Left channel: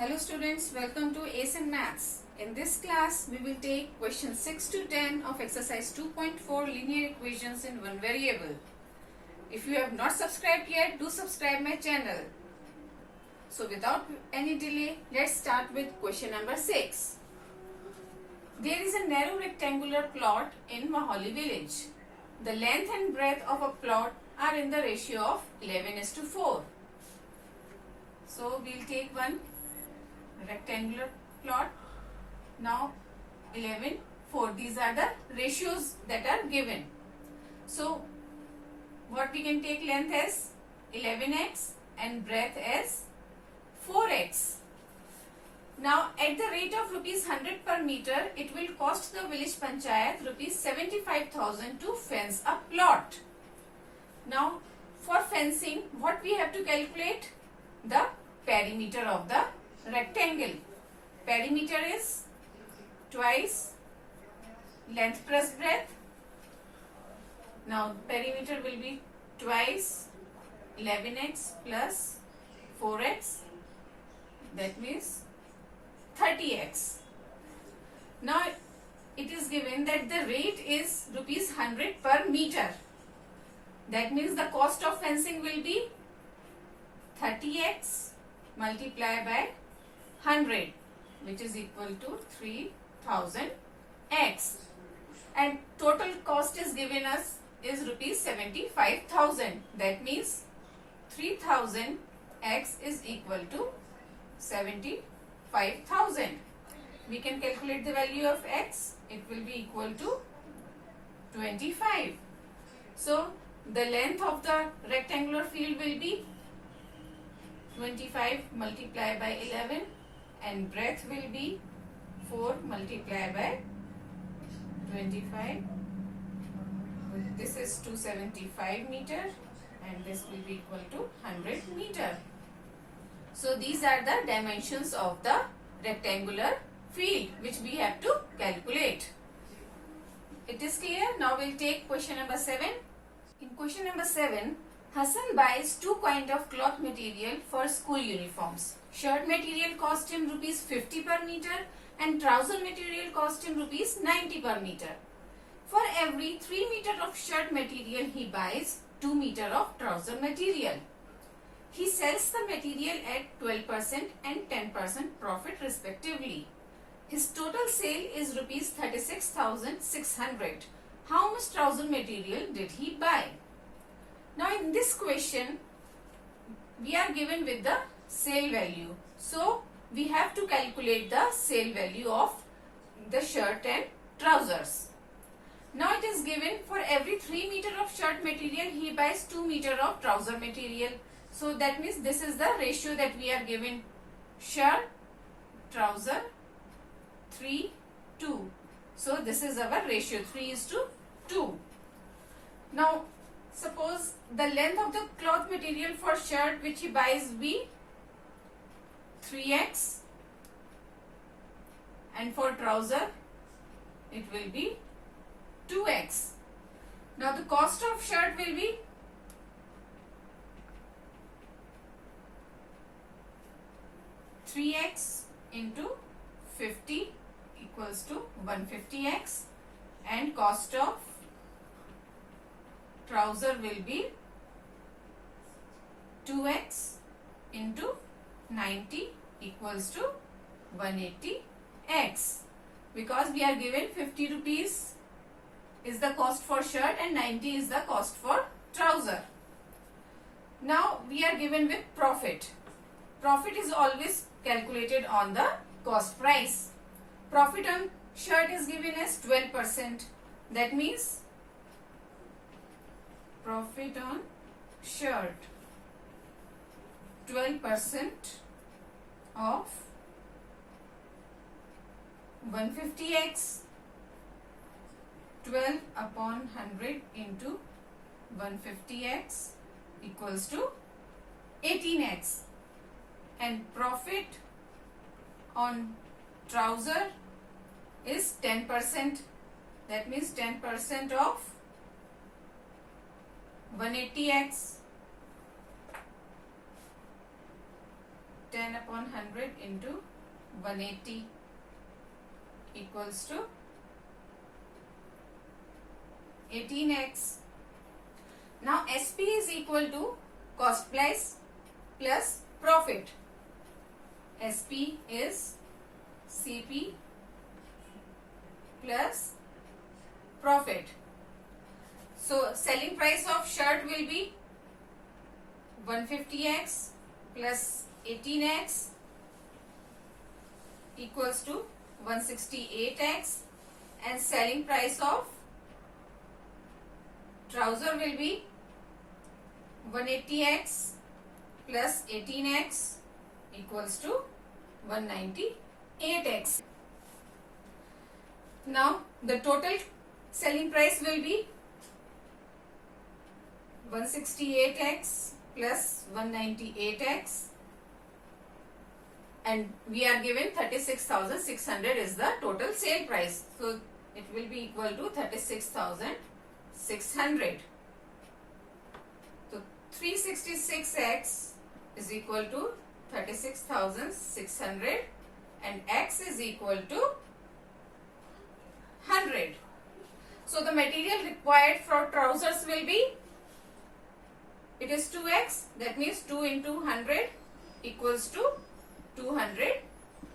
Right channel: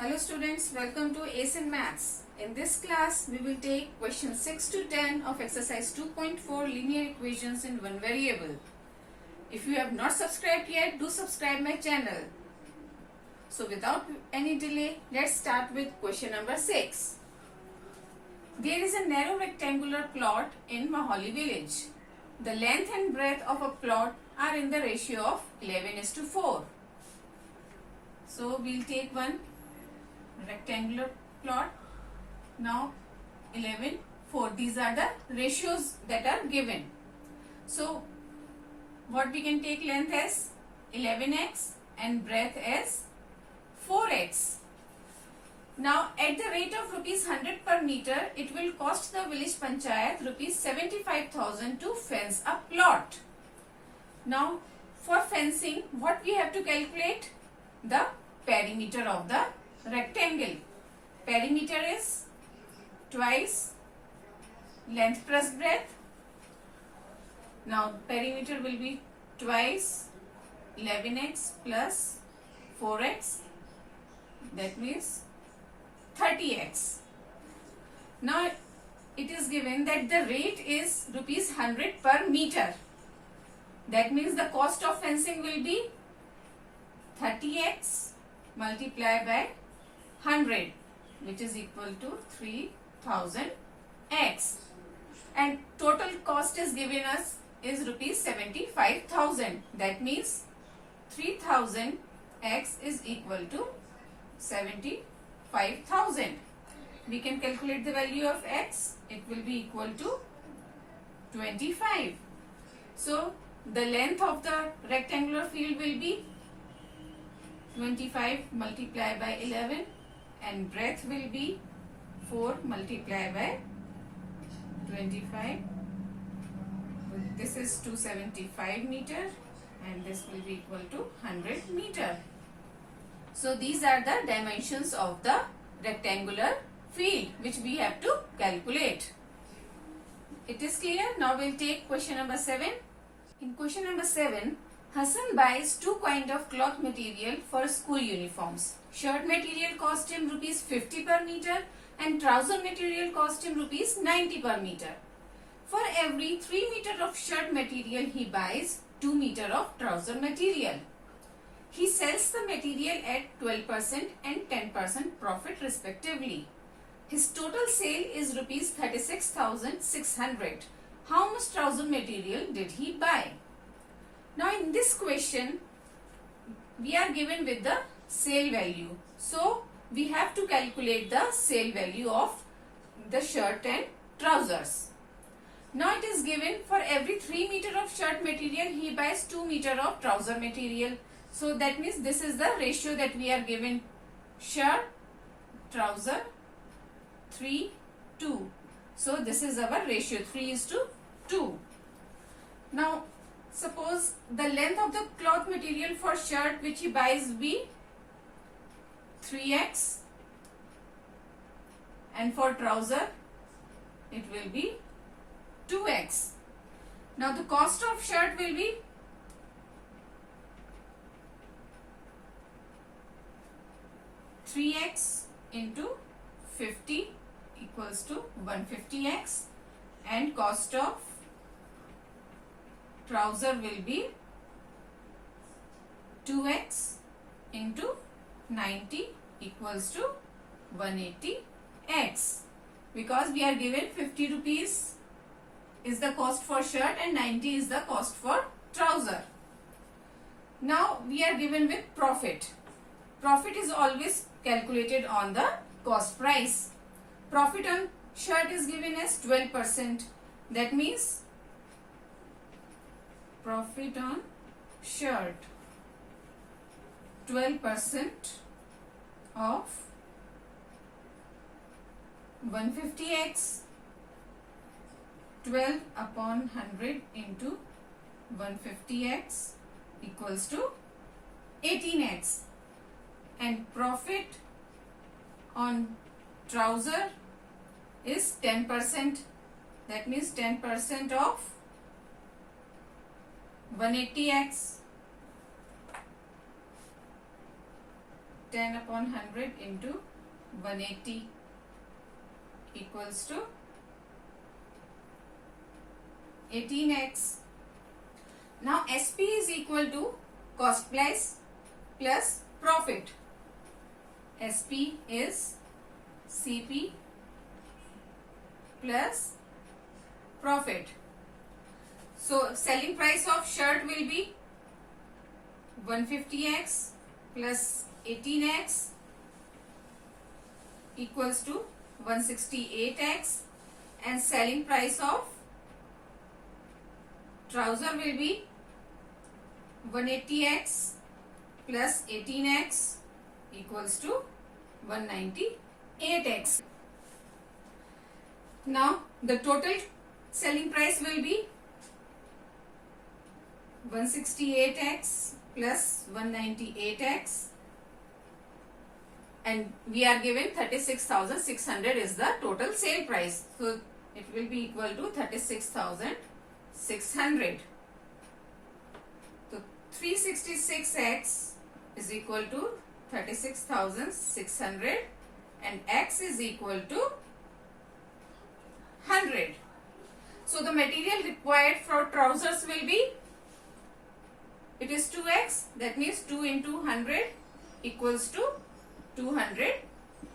Hello students, welcome to Ace in Maths. In this class, we will take questions 6 to 10 of exercise 2.4 linear equations in one variable. If you have not subscribed yet, do subscribe my channel. So without any delay, let's start with question number 6. There is a narrow rectangular plot in Maholi village. The length and breadth of a plot are in the ratio of 11:4. So we'll take one rectangular plot. Now 11, 4. These are the ratios that are given. So what we can take length as 11x and breadth as 4x. Now at the rate of rupees 100 per meter, it will cost the village panchayat rupees 75,000 to fence a plot. Now for fencing, what we have to calculate? The perimeter of the rectangle. Perimeter is twice length plus breadth. Now perimeter will be twice 11x plus 4x. That means 30x. Now it is given that the rate is rupees 100 per meter. That means the cost of fencing will be 30x multiplied by 100, which is equal to 3000x, and total cost is given us is rupees 75,000. That means 3000x is equal to 75,000. We can calculate the value of x. It will be equal to 25. So the length of the rectangular field will be 25 multiplied by 11, and breadth will be 4 multiplied by 25. This is 275 meter and this will be equal to 100 meter. So these are the dimensions of the rectangular field which we have to calculate. It is clear? Now we'll take question number 7. In question number 7, Hassan buys two kinds of cloth material for school uniforms. Shirt material cost him rupees 50 per meter and trouser material cost him rupees 90 per meter. For every 3 meter of shirt material he buys 2 meter of trouser material. He sells the material at 12% and 10% profit respectively. His total sale is rupees 36,600. How much trouser material did he buy? Now in this question, we are given with the sale value. So we have to calculate the sale value of the shirt and trousers. Now it is given for every 3 meter of shirt material, he buys 2 meter of trouser material. So that means this is the ratio that we are given. Shirt, trouser, 3, 2. So this is our ratio, 3:2. Now suppose the length of the cloth material for shirt which he buys be 3x, and for trouser it will be 2x. Now the cost of shirt will be 3x into 50 equals to 150x, and cost of trouser will be 2x into 90 equals to 180x, because we are given 50 rupees is the cost for shirt and 90 is the cost for trouser. Now we are given with profit. Profit is always calculated on the cost price. Profit on shirt is given as 12%. That means profit on shirt 12% of 150x. 12 upon 100 into 150x equals to 18x. And profit on trouser is 10%. That means 10% of 180x. 10 upon 100 into 180 equals to 18x. Now SP is equal to cost price plus profit. SP is CP plus profit. So selling price of shirt will be 150x plus 18x equals to 168x, and selling price of trouser will be 180x plus 18x equals to 198x. Now the total selling price will be 168x plus 198x, and we are given 36,600 is the total sale price. So it will be equal to 36,600. So 366x is equal to 36,600 and x is equal to 100. So the material required for trousers will be, it is 2x, that means 2 into 100 equals to 200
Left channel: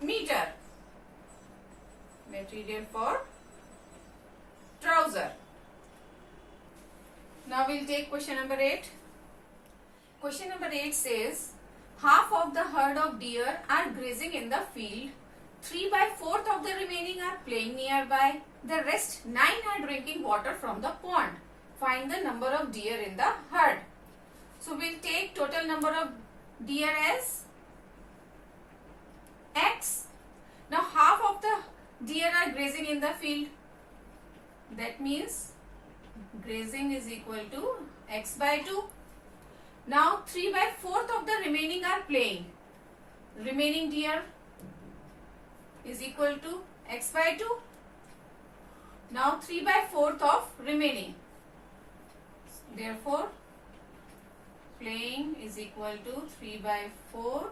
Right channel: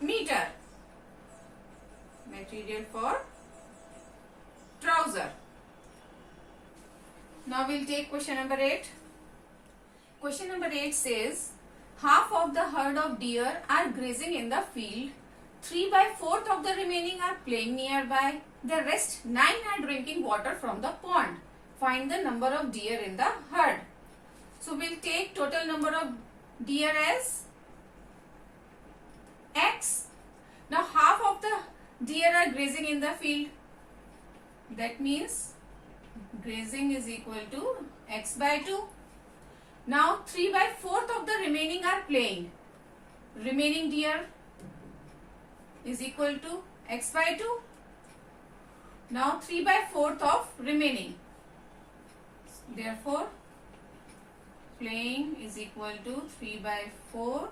meter. Material for trouser. Now we'll take question number 8. Question number 8 says, half of the herd of deer are grazing in the field, 3/4 of the remaining are playing nearby, the rest 9 are drinking water from the pond. Find the number of deer in the herd. So we'll take total number of deer as x. Now half of the deer are grazing in the field. That means grazing is equal to x by 2. Now 3/4 of the remaining are playing. Remaining deer is equal to x by 2. Now 3/4 of remaining. Therefore playing is equal to 3/4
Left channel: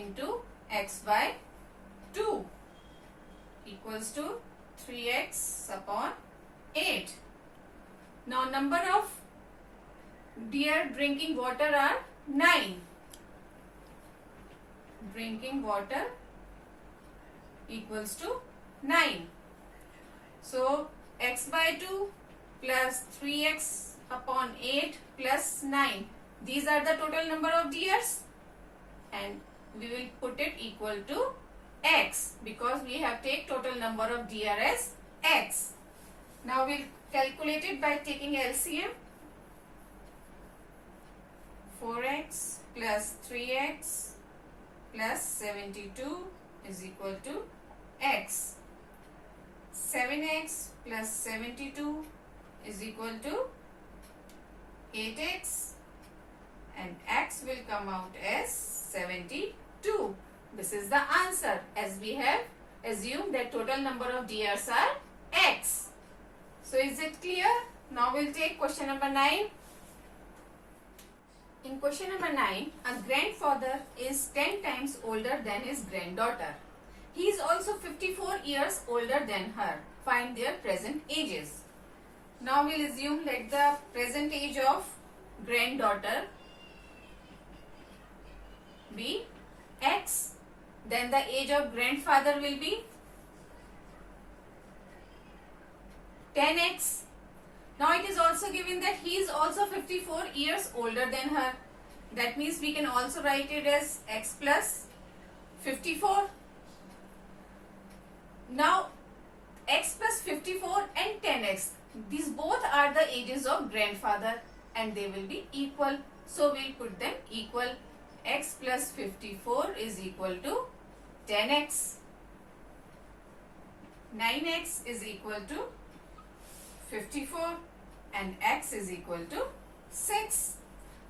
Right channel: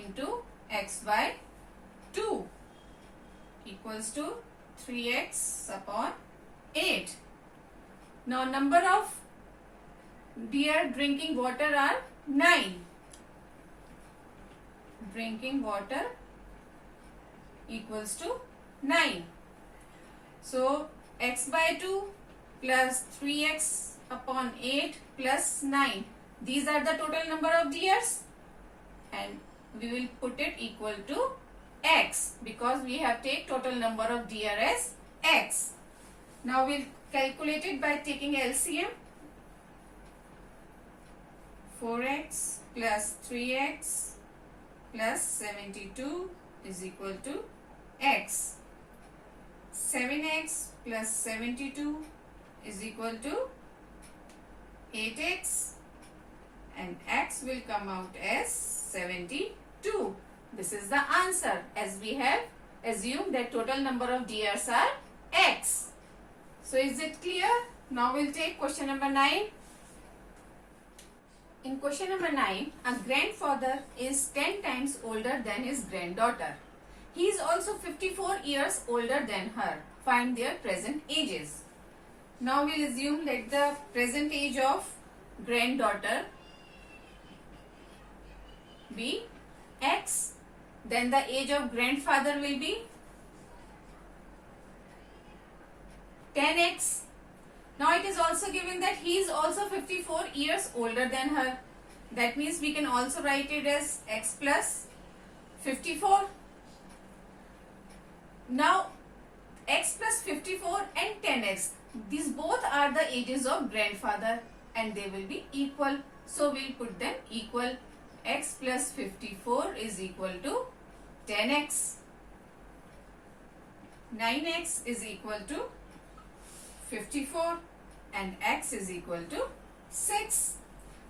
into x by 2 equals to 3x upon 8. Now number of deer drinking water are 9. Drinking water equals to 9. So x by 2 plus 3x upon 8 plus 9. These are the total number of deers, and we will put it equal to x because we have take total number of deer as x. Now we'll calculate it by taking LCM. 4x plus 3x plus 72 is equal to x. 7x plus 72 is equal to 8x, and x will come out as 72. This is the answer, as we have assumed that total number of deers are x. So is it clear? Now we'll take question number 9. In question number 9, a grandfather is 10 times older than his granddaughter. He is also 54 years older than her. Find their present ages. Now we'll assume that the present age of granddaughter be x. Then the age of grandfather will be 10x. Now it is also given that he is also 54 years older than her. That means we can also write it as x plus 54. Now x plus 54 and 10x, these both are the ages of grandfather and they will be equal. So we'll put them equal. X plus 54 is equal to 10x. 9x is equal to 54 and x is equal to 6.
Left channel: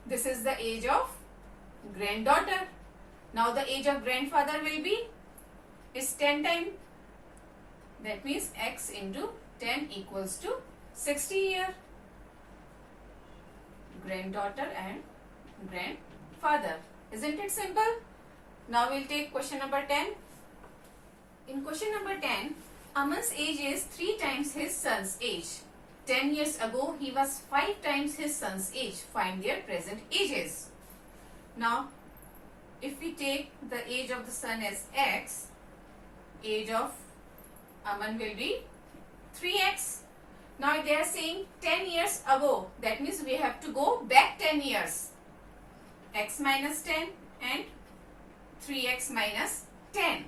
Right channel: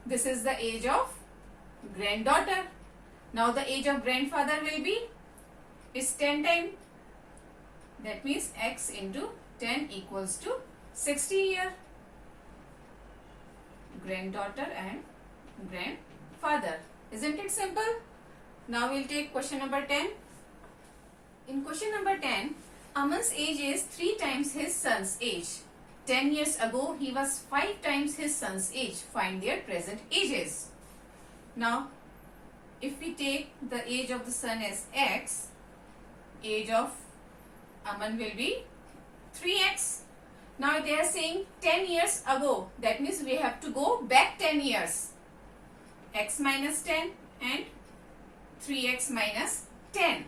This is the age of granddaughter. Now the age of grandfather will be is 10 times. That means x into 10 equals to 60 year. Granddaughter and grandfather. Isn't it simple? Now we'll take question number 10. In question number 10, Aman's age is 3 times his son's age. 10 years ago, he was 5 times his son's age. Find their present ages. Now, if we take the age of the son as x, age of Aman will be 3x. Now they are saying 10 years ago. That means we have to go back 10 years. X minus 10 and 3x minus 10.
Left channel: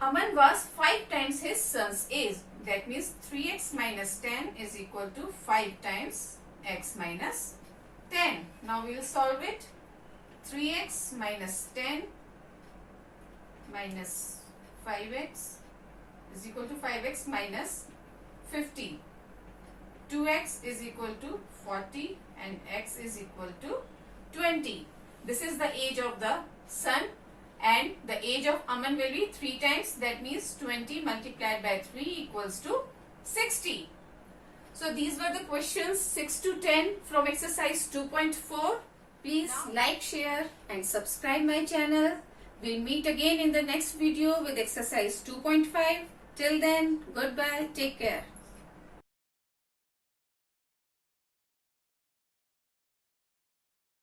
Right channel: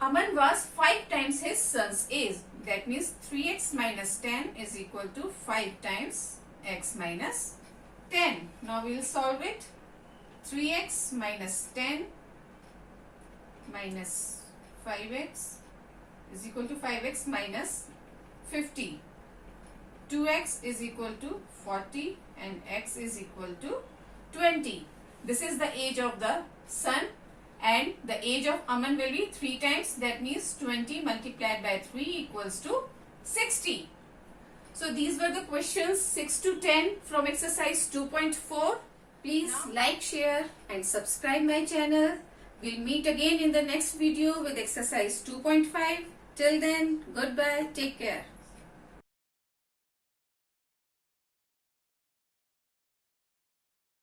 Aman was 5 times his son's age. That means 3x minus 10 is equal to 5 times x minus 10. Now we will solve it. 3x minus 10 minus 5x is equal to 5x minus 50. 2x is equal to 40 and x is equal to 20. This is the age of the son and the age of Aman will be 3 times. That means 20 multiplied by 3 equals to 60. So these were the questions 6 to 10 from exercise 2.4. Please like, share and subscribe my channel. We'll meet again in the next video with exercise 2.5. Till then, goodbye. Take care.